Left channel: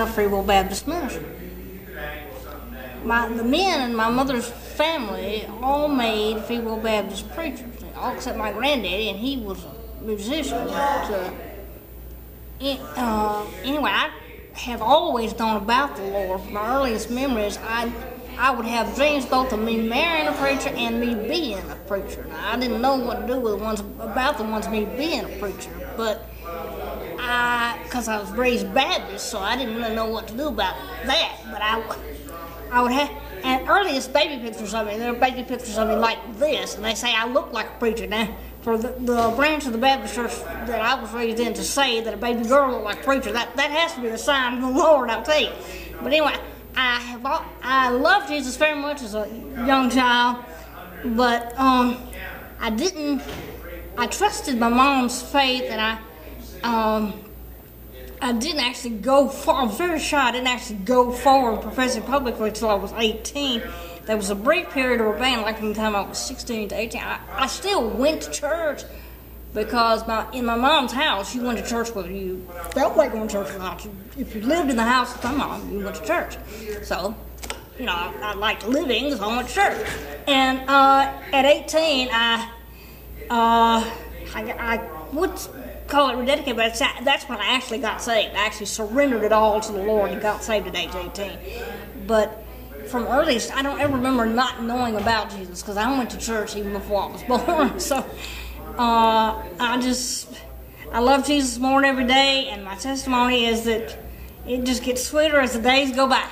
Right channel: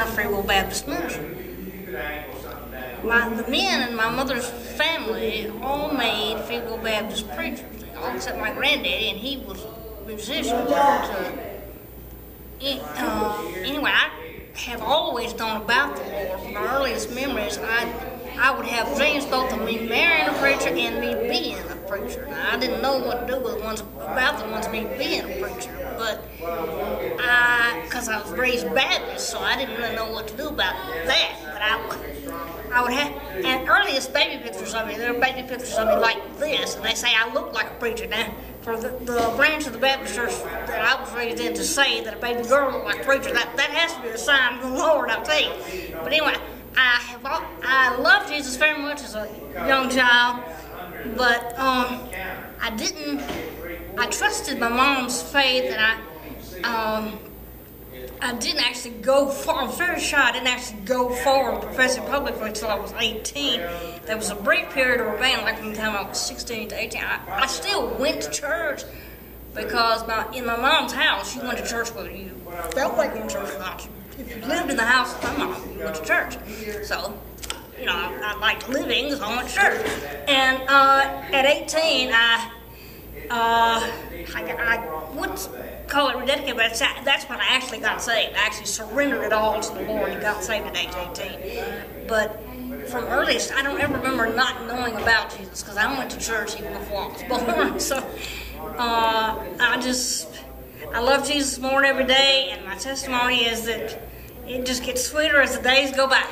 a Free Will Baptist ministry. The men in my mother's family all made Free Will Baptist preachers, all except my granddaddy, and he was a musician. Anyway, I have always known about the Lord. From my earliest memories, I would have dreams both of me marrying a preacher and me being a preacher. Now, I didn't know what to do with me being a preacher, but because I was raised Baptist, so I didn't really know what to do about that. But I would have, and earliest baby pictures of me, there are baby pictures of me like this, and they say I look like a preacher. Now, for the branch of the Baptist church that I was raised in to say that a baby girl looked like a preacher, that has to be a sign of the Lord, I'll tell you. But anyway, I loved Jesus very much as a young child, but I trusted my mom's faith, and I didn't actually go far. I'm very sure I didn't actually go forward professing publicly until I was 18. There was a brief period of rebellion, like from the time I was 16 to 18. I still went to church because in my mom's house, you went to church whether you felt like going to church or not. If you lived in the house with my mom, you went to church. So, you know, I liked living, so I went to church. And at 18, I would call it rededicated, but that's when I actually got saved. I actually surrendered it all to the Lord and got saved at age 18. But from earliest, I don't ever remember not knowing about Jesus, because I went to church even before I was born. So I love Jesus more every day, and my testimony is that it just gets sweeter as the days go by.